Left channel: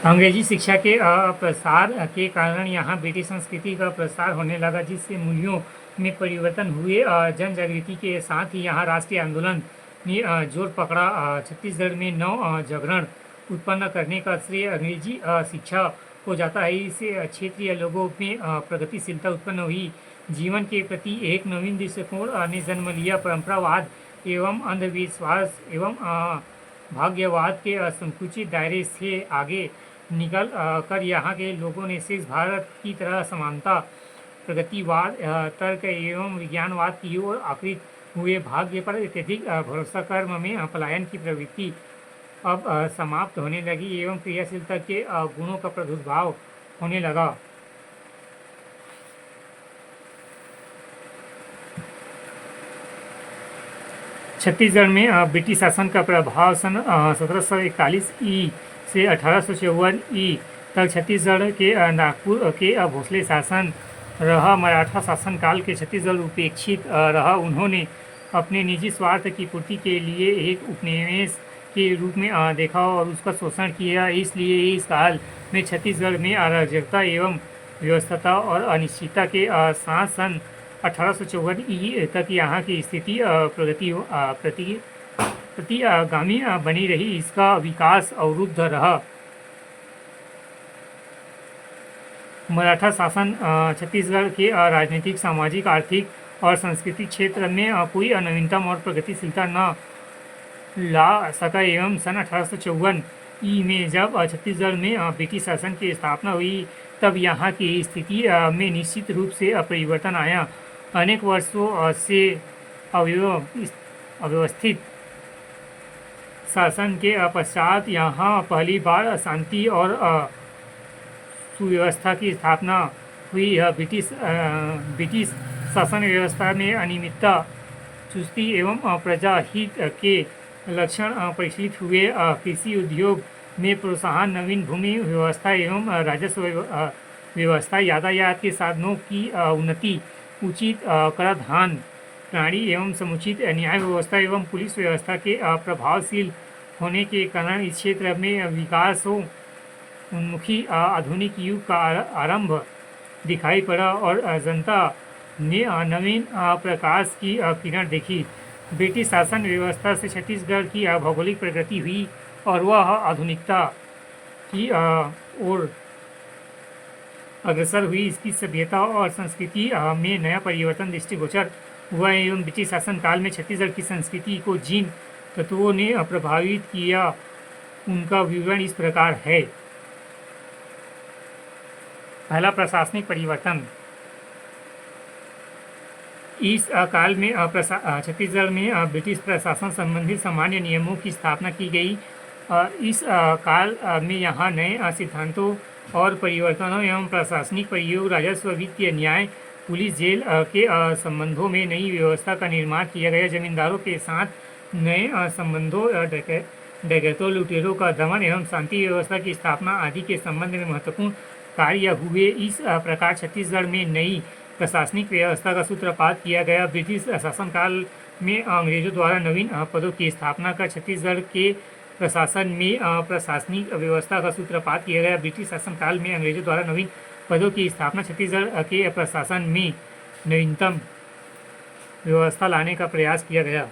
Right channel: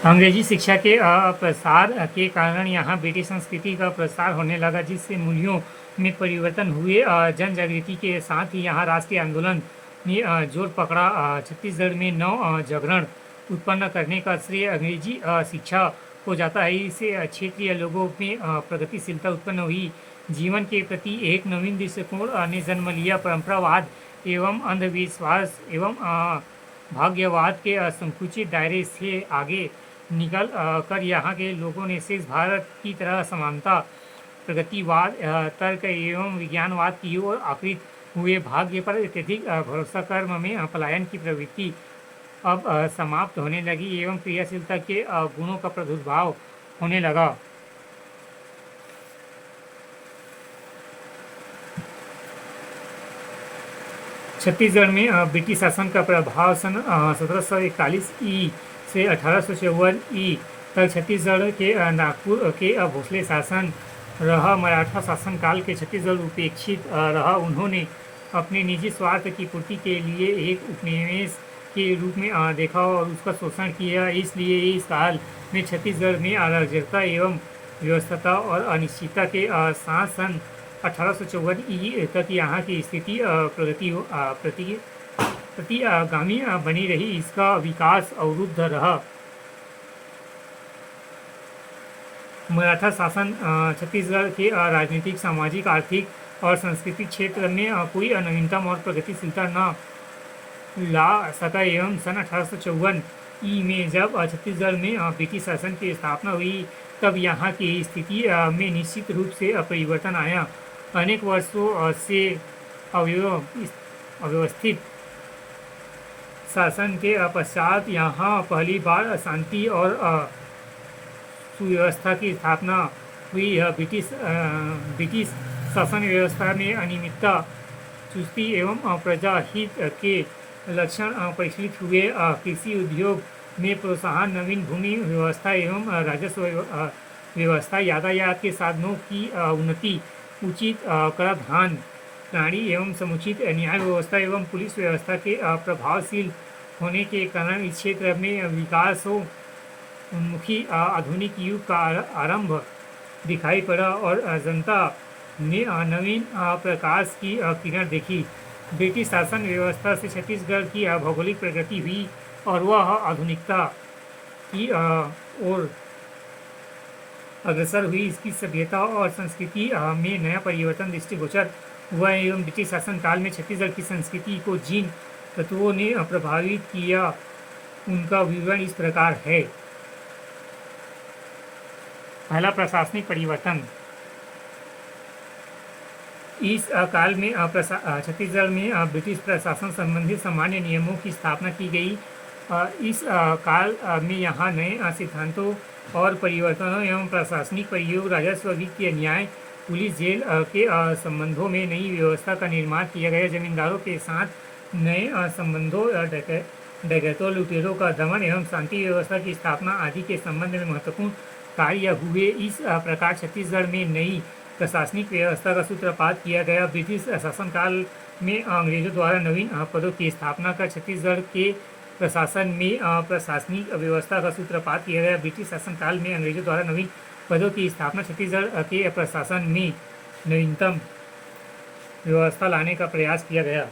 अंग्रेजी शिक्षा के प्रसार के कारण यहाँ ब्रिटिश संस्कृति का प्रसार होने लगा, जिससे मूल्यों में परिवर्तन हुए। जन जागृति के साथ ही यहाँ राष्ट्रीय आंदोलन ने जोर पकड़ा। छत्तीसगढ़ में नव जागरण उत्पन्न करने का श्रेय अंग्रेजी शिक्षा को जाता है। इससे क्षेत्रीय लोगों में प्रगतिशीलता उत्पन्न हुई। जीवन के प्रति एक नवीन दृष्टिकोण ने जन्म लिया। परंपरावाद एवं अंधविश्वास एवं भाग्यवाद के संकुचित दायरे से आगे निकल कर यहाँ के लोगों ने शेष भारत की तरह समानता, प्रगतिवाद, तर्क एवं विज्ञानवाद की ओर आकृत हुए। भाग्य पर अत्यधिक भरोसा कर्म में पलायन की प्रवृत्ति अब समाप्त होने लगी एवं क्रियाशीलता के गुणों का प्रादुर्भाव होने लगा। छत्तीसगढ़ में ब्रिटिश शासन का प्रभाव सन 1741 ई से 1854 ई तक छत्तीसगढ़ के नागपुर के भोसले शासन रहा। मराठा शासनकाल के छत्तीसगढ़ उपेक्षित रहा। उन्होंने अपने निजी स्वार्थ की पूर्ति के लिए एक उपनिवेश के रूप में देखा और उसका शोषण किया। इसलिए इस काल में छत्तीसगढ़ में अराजकता एवं व्यवस्था और अनिश्चितता के साथ सन 1854 ई तक यहाँ की स्थिति प्रतिगामी बनी रही। इसका विकास अवरुद्ध रहा। मराठा शासन छत्तीसगढ़ के राजनीतिक, सामाजिक, आर्थिक और सांस्कृतिक क्षेत्र में कोई नवीनतम और प्रगतिशीलता न ला सका एवं सन 1854 ई में जब छत्तीसगढ़ में ब्रिटिश शासन की स्थापना हुई, तब यहाँ की स्थिति में निश्चित रूप से परिवर्तन आया। अनेक वर्षों से अव्यवस्थित शासन के पश्चात यहाँ पहली बार शांति और सुव्यवस्था की स्थापना हुई। ब्रिटिश शासन व्यवस्था में अनियमितता, चुस्ती एवं प्रजाहित के लक्षण परिलक्षित हुए। कृषि उद्योग में प्रोत्साहन, नवीन भूमि व्यवस्था एवं राजस्व व्यवस्था, यातायात के साधनों की उन्नति, उचित कराधान प्रणाली एवं समुचित न्याय व्यवस्था एवं पुलिस व्यवस्था के प्रभावशील होने के कारण इस क्षेत्र में विकासोन्मुखी आधुनिक युग का आरंभ दिखाई पड़ा और जनता ने नवीन प्रकाश की किरण देखी। ब्रिटिश शासन व्यवस्था से छत्तीसगढ़ की भौगोलिक प्रगति हुई और वह आधुनिकता की ओर अग्रसर हुई। इसकी सभ्यता और संस्कृति में नया परिवर्तन दृष्टिगोचर हुआ एवं ब्रिटिश शासन काल में छत्तीसगढ़ की संस्कृति को जिन तत्वों ने प्रभावित किया, उनका विवरण इस प्रकार है। पहला, प्रशासनिक परिवर्तन। इस काल में छत्तीसगढ़ में ब्रिटिश प्रशासन संबंधी सामान्य नियमों की स्थापना की गई। इस काल में यहाँ नए सिद्धांतों और परिवर्तनों एवं प्रशासनिक परियोग, राजस्व, वित्तीय, न्याय, पुलिस, जेल के संबंधों में नई व्यवस्था का निर्माण किया गया। जमींदारों के साथ नए संबंधों, डकैतों, लुटेरों का दमन एवं शांति व्यवस्था की स्थापना आदि के संबंध में महत्वपूर्ण कार्य हुए। इस प्रकार छत्तीसगढ़ में नई प्रशासनिक व्यवस्था का सूत्रपात किया गया। ब्रिटिश शासनकाल में अंग्रेजों द्वारा नवीन पदों की स्थापना कर छत्तीसगढ़ के प्रशासन में प्रशासनिक व्यवस्था का सूत्रपात किया गया। ब्रिटिश शासनकाल में अंग्रेजों द्वारा नवीन पदों की स्थापना छत्तीसगढ़ के प्रशासन में नवीनतम व्यवस्था लाने का प्रयास किया गया।